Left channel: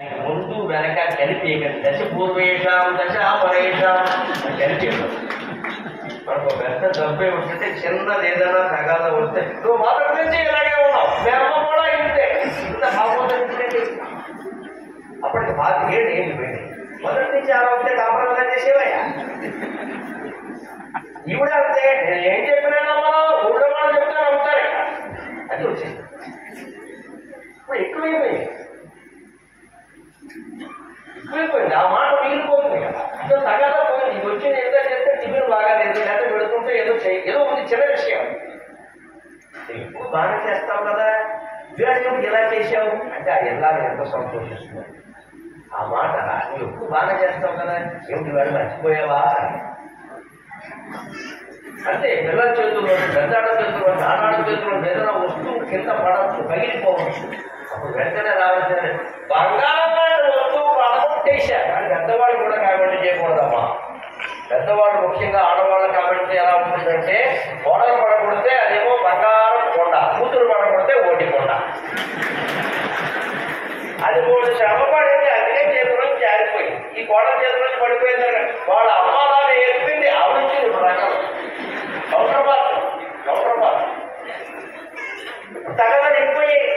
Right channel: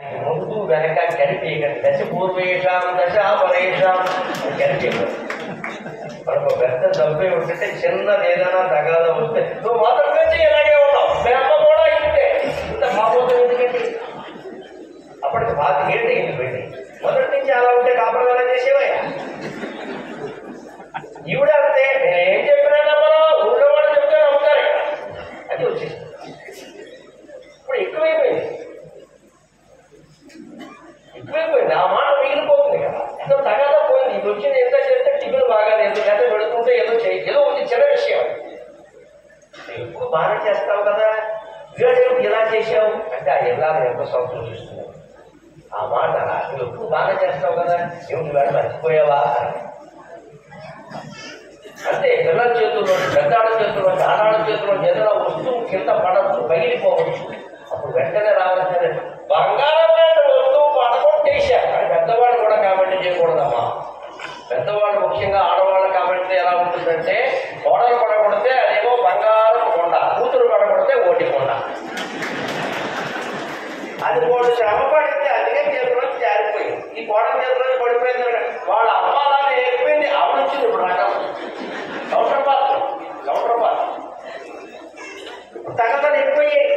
ముందు వెనక కలిపి దశ పూర్వేషాం దశ పరేషాం అని కలిపి మనకు పెద్ద తప్పే ఉంటుంటే చిన్నది ఏదైనా తగాదా వస్తే నువ్వు మొదటి నుంచి ఇలాగే ఉన్నావు, మీ అమ్మ కూడా ఇంతే, ఇంత కాకపోతే ఎందుకండి? అప్పటికి 5 ఏళ్ళు ఏంటి పెళ్ళి, మొదటి నుంచి అలా ఉంటే కాపురం చేసేవయ్యా. ఈవిడ అంతే, నేను ఏం చెప్పినా నమ్మను, ఊళ్ళో వాళ్ళు చెప్తే నమ్ముతారు. అది వచ్చేసి ఇప్పుడు ఎక్కువైపోయింది. ఆ మాట మిగిలిపోతుంది కదా, ఇంత తగదా పోయింది. ఇది వచ్చింది ఎంత చేస్తే టిఫిన్ బాగా లేదు, ఎంత పెడుతుంటే ఏదో ఉంది, చిన్న విషయం. ఎప్పుడు బాగా చేస్తావు కదా, ఇవాళ ఇలా చేసావు అంటే ఆ ఇళ్ళని ఎంత సంతోషిస్తుంది. ఆ మాట నువ్వు ఎప్పుడు బాగా చేస్తావు కదా, ఏమిటి వాడు మర్చిపోయావా అంటే పిల్లల చేతుల్లో, పెద్దాడ చేతుల్లో, ఆనాడ చేతుల్లో ఏదైనా వస్తువు కింద పడవచ్చు, పగిలిపోవచ్చు. అప్పుడు వెంటనే రావాల్సిన బంగారం లాంటి వస్తువు పడగొట్టేశారు అని పెద్దవాళ్ళు కూడా కామెంట్ చేయకూడదమ్మా. పెద్దవాళ్ళు ముఖ్యంగా ఆడవాళ్ళ కామెంట్ ఎలా ఉంటుందంటే, కోడలు పడగొడితే అదేమో బంగారం కొండ, కూతురు పడగొడితే ఓటి కొండ. అది మూడు శ్రమ పడింది, అందుకే చేతిలోకి జారిపోయింది. ఈ కోడల చేతిలోకి పడిపోయింది, వాళ్ళ అమ్మాలని ఏర్పింది, ఆవిడొచ్చింది. ఇప్పుడు రకాలు కౌంటర్పాత్ తగదని ఎక్కువయ్యాయి.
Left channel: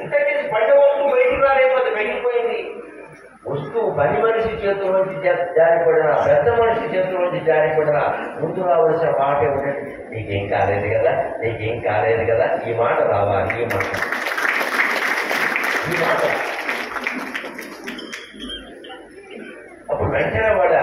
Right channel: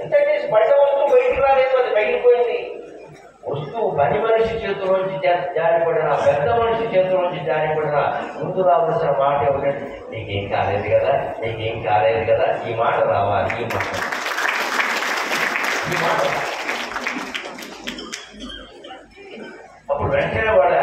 ఎంత చేసి పడ్డ వస్తువు బయటికి రాలేకపోతే పగిలిపోయింది. వస్తువు పని మనిషి చేతిలోంచి జారిపడిన, పెద్ద మనిషి చేతిలోంచి జారిపడిన ముందు రావాల్సిన మాట ఏమిటంటే, నీకేం కాలేదు కదా, నీకేం కాలేదు కదా, ఈ మాట రావాలి. ఈ మాట అప్పుడు వెంటనే వాళ్ళ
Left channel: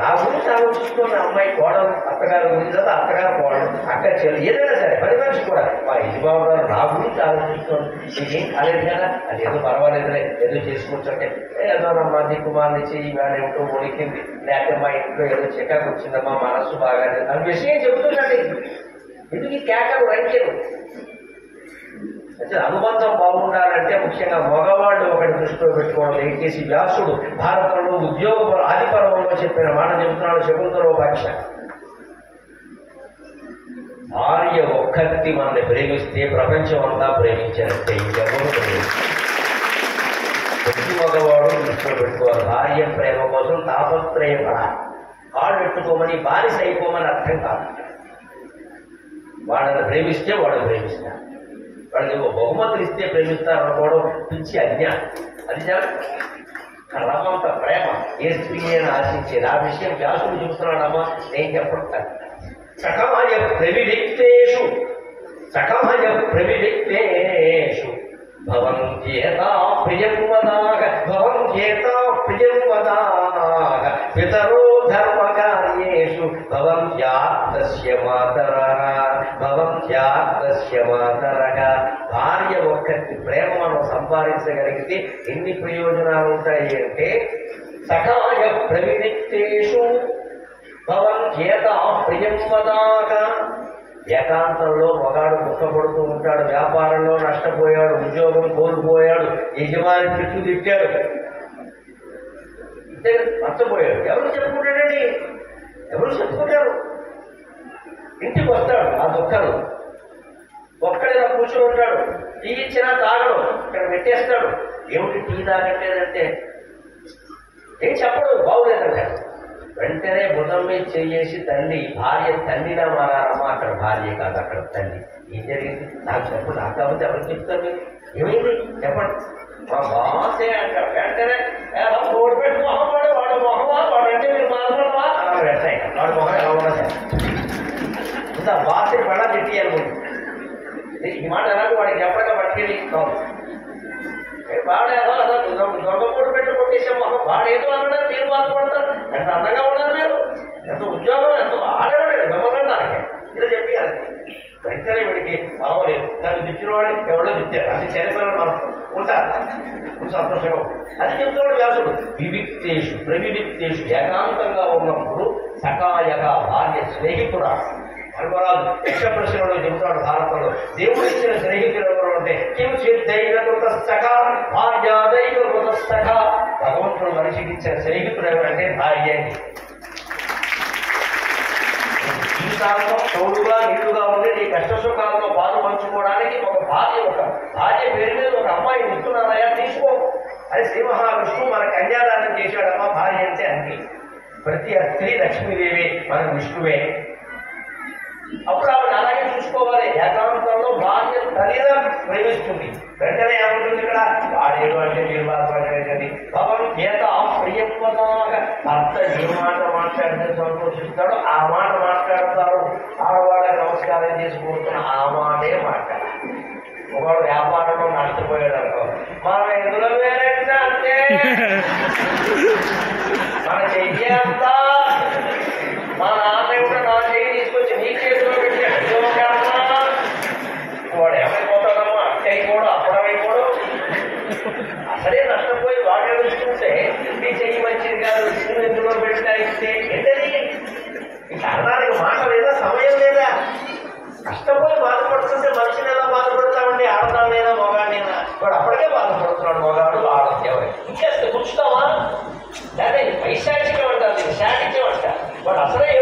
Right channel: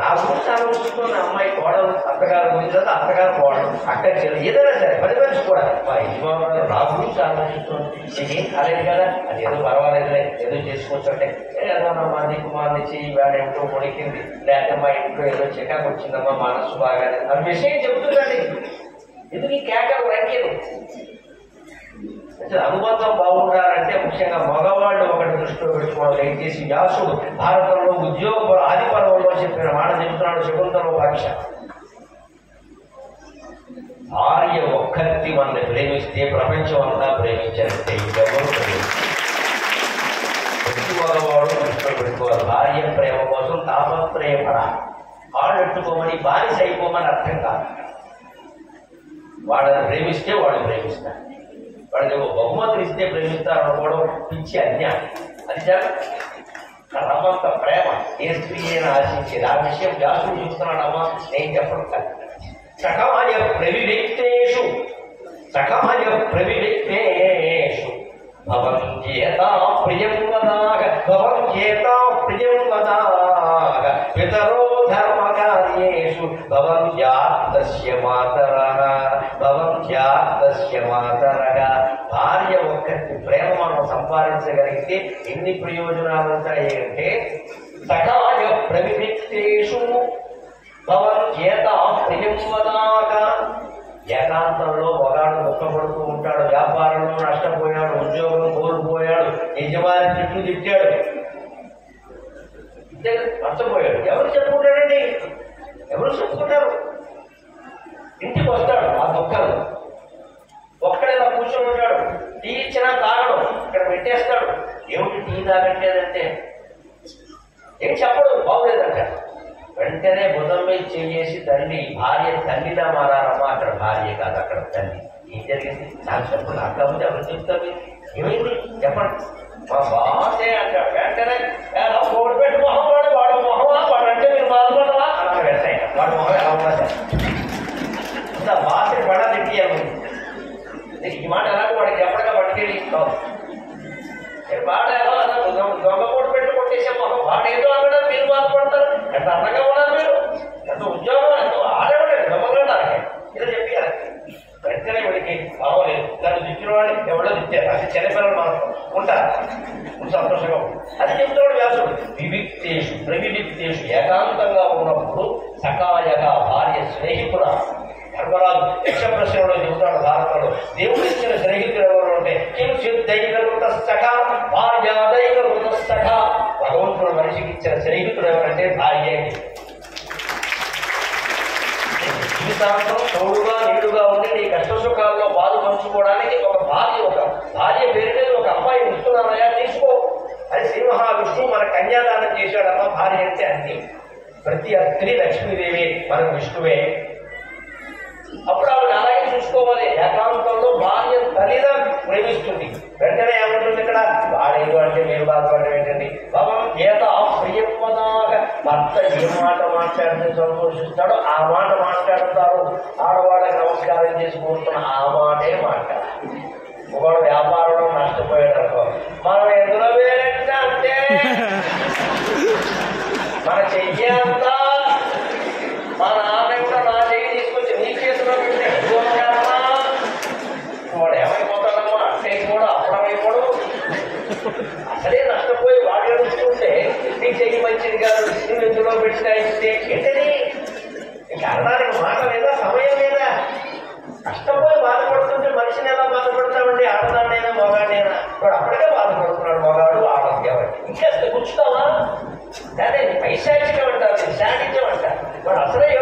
నా గురించి ఆలోచిస్తున్న అమ్మాయి కోడలు, అత్తగారు గురించి కదా, అత్తగారు కోడలు, అక్క చెల్లి, ఏదైనా సరే పది మనిషి కూడా మా యజమాను గారు నా గురించి ఆలోచిస్తుంది. నీకేం కాలేదు కదా, అది ఏదో పర్వాలేదులే, ఏదో చేసుకోవచ్చు అంటే, ఏదో మా దిక్కుమాన్ని చెయ్యి వేడ ఏమిటో ఉడికింది, లేకపోతే మా ఇంట్లో ఏదో చికాకు వచ్చిందమ్మా, మనస్సు బాగాలేదు, ఆ విషయం చెబుతుందండి. ఎందుకు ఈ కేకలు రంకెలు? అనుబంధం బాగుండాలంటే ముఖ్యంగా మగవాళ్ళు ఒకటి దృష్టిలో పెట్టుకోవడం. దయచేసి వ్యాసుడు భారతంలో ఉద్యోగ ఆది పర్వంలో చెప్పిన మాట చెబుతున్నాడు. శకుంతలోపాక్ష భార్య ఒక్కటి మనల్ని ప్రేమిస్తే ప్రపంచం అంతా ప్రేమించారంటే ఇంకెవరు ప్రతి మగవాడు దృష్టిలో పెట్టుకోవాలి. భార్య ప్రేమ కోసం తాపత్రయపడాలి. కాళ్ళు పెట్టుకోమని, బానిస అయిపోమని అర్థం కాదు. వాళ్ళని ప్రేమిస్తే వాడు ప్రేమిస్తాడు. వాళ్ళకి బహుమతులు ఇస్తే ప్రేమిస్తారు అనుకోవడం పిచ్చి అజ్ఞానం. అది చాలా రమంత ప్రేమ ఏ స్త్రీ అయినా ఆశించేది. ఆ విషయం వ్యాసుడు చూస్తున్నాడమ్మా, నేను చెప్పడం కాదు. సఖాయ ప్రవివిక్తేషు భవంత్యేతా ప్రియం వదాగ పితరో ధర్మకార్యేషు భవంత్యాప్తస్య మాతరః. భార్య ఒక్కటి ప్రేమ మనం సంపాదించగలిగితే ఎన్ని ప్రయోజనాలు ఉంటాయి అంటే, సఖాయ ప్రవివిక్తేషు భవంత్యేతా ప్రియం వదాగ. ఏకాంతంలో ఒకడు దుఃఖపడుతూ ఉంటాడు, వ్యాపారంలో నష్టపోయాడు, ఉద్యోగం కోల్పోయాడు, యజమాని తిట్టు తిట్టాడు, నష్టపోయాడు. ఎవరు చెప్పుకుంటాడండి? ఎవరు చెప్పుకుంటారు? ఇంటికి వస్తాడు ఆ దుఃఖం, ఒక్కడేలా కూర్చొని ఉంటాడు, టీ ఇచ్చినా తాగడు, ఇక్కడ పెట్టేస్తాడు. ఏమిటి టీ తాగట్లేదంటే ఏం చెప్పడు, బాగులేదంటాడు. వెంటనే భుజం మీద చెయ్యేసి, తల్లి భార్య తల్లిలా మారారమ్మా, అక్కడ భార్య కాదు అక్కడ తల్లి. ఏం జరిగింది నాకు చెప్పండి, నాకు కాబట్టి ఎవరు చెప్తారు మీరు, ఏమైంది చెప్పండి. మా బాసే అంటాడు. వెంటనే ఓడి పెట్టి మొహం వాడు, వాడు మొహమా, వాడు అంటే మీరు బాధపడవా అలా వెళ్తాయి. వాడు మొహం ఎలా ఉన్నా సరే ఇంత బాసే పడా తిట్టియాలి. ఈ మాట ఎలాగో వాడికి ఎప్పటికా పట్టుకెళ్ళి ఇస్తాం. వాడు ఎలా అలా దొంగ పోటు పెట్టి కొట్టేసే మొహం, వాడు ఏదో అన్నాడు, మీరు బాధపడతారు. ఎంత అందంగా ఉన్నారు మీరు, ఎంత ఉద్యోగం, ఎంతో ఆడవాడు దొంగడానికి ఇలా చెప్పారు. వెంటనే వాడికి బాగోలేదు, నన్ను తిట్టిన వాడిని ఎవడో తిట్టారు, అది చనిపోయిన మనం ఉంటారు, సంతోషంగా. అది చెప్తున్నాడు వ్యాసుడు. ప్రవివిక్తేషు ఏకాంతంగా ఉన్నప్పుడు సకాయగా భార్య స్నేహితుడా. ధర్మరాజు యక్షప్రశ్నలో చెబుతాడు భారతంలో, దేవుడు ఇచ్చిన స్నేహితుడు ఎవరు అంటే కిం సిద్ధైకృత సఖా భార్యాదైకృత సఖా. భగవంతుడు మనిషికి ఇచ్చిన స్నేహితుడు ఎవరంటే భార్య. జీవితాంతం తోడుగా నీడుగా ఉండి నీ కష్ట సుఖాల్లో పాలు పంచుకోవడానికి ఒక భార్య పేరు మీద ఒక అమ్మాయిని ఇస్తున్నానయా, తీసుకో. అది శ్రీ మహావిష్ణువు మన కన్యాదానం చేశాడమ్మా. భార్య అంటే అంతే. ప్రతి స్త్రీ లక్ష్మీదేవి మనకు విష్ణువే. అప్పుడు ఆవిడ అలాగే చూసుకోవాలి. ఏకాంతంలో భార్య తల్లిగా ప్రేమిస్తుంది. వెంటనే ఏమంటుంది ఇక్కడ, వాడేడు అంటే మీరు బాధపడడం ఏంటండి. పాపం గీత ప్రియత్వదాగా భర్త ఏ మాట మాట్లాడితే సంతోషిస్తాడో ఆ మాట మాట్లాడతారు. ఆడవాళ్ళకి నమస్కారం చేసి కూర్చున్న ఆ మాటే మాట్లాడాలి. ఒకడు వ్యాపారంలో నష్టపోయాడు అనుకో, మనం ఎదురు వేరేట అంటే మన చెయ్యి అంతా మా నాన్న కూడా నా చెయ్యి తీసుకొచ్చి నీ చేతిలో పెట్టాడు. వాడు ఏమైపోతాడమ్మో, అట్టయిపోడు అప్పుడమైపోడు. అసలే నష్టపోయి వాడు ఏడుస్తుంటే నీ చెయ్యి మంచిది కాదు నువ్వు ఎందులో పెట్టినా ఇస్తే ఏంటది? ఈ కారణానికి మాట లేదా, సమయం లేదా? కష్టపోయి బాధపడుతుంటే మనిషిని ఎలా బాధపడతామండి? ఆడదాన్నైనా మగాడినైనా. వాడు అప్పటికే బాధపడుతున్నాడు, మగాడు ఆడది. ఎవరు ఇంకేస్తే కూర్చుతావా? కానీ పైశాచికం అంటారు, శాడిత్యం అంటారు. వాడు అసలే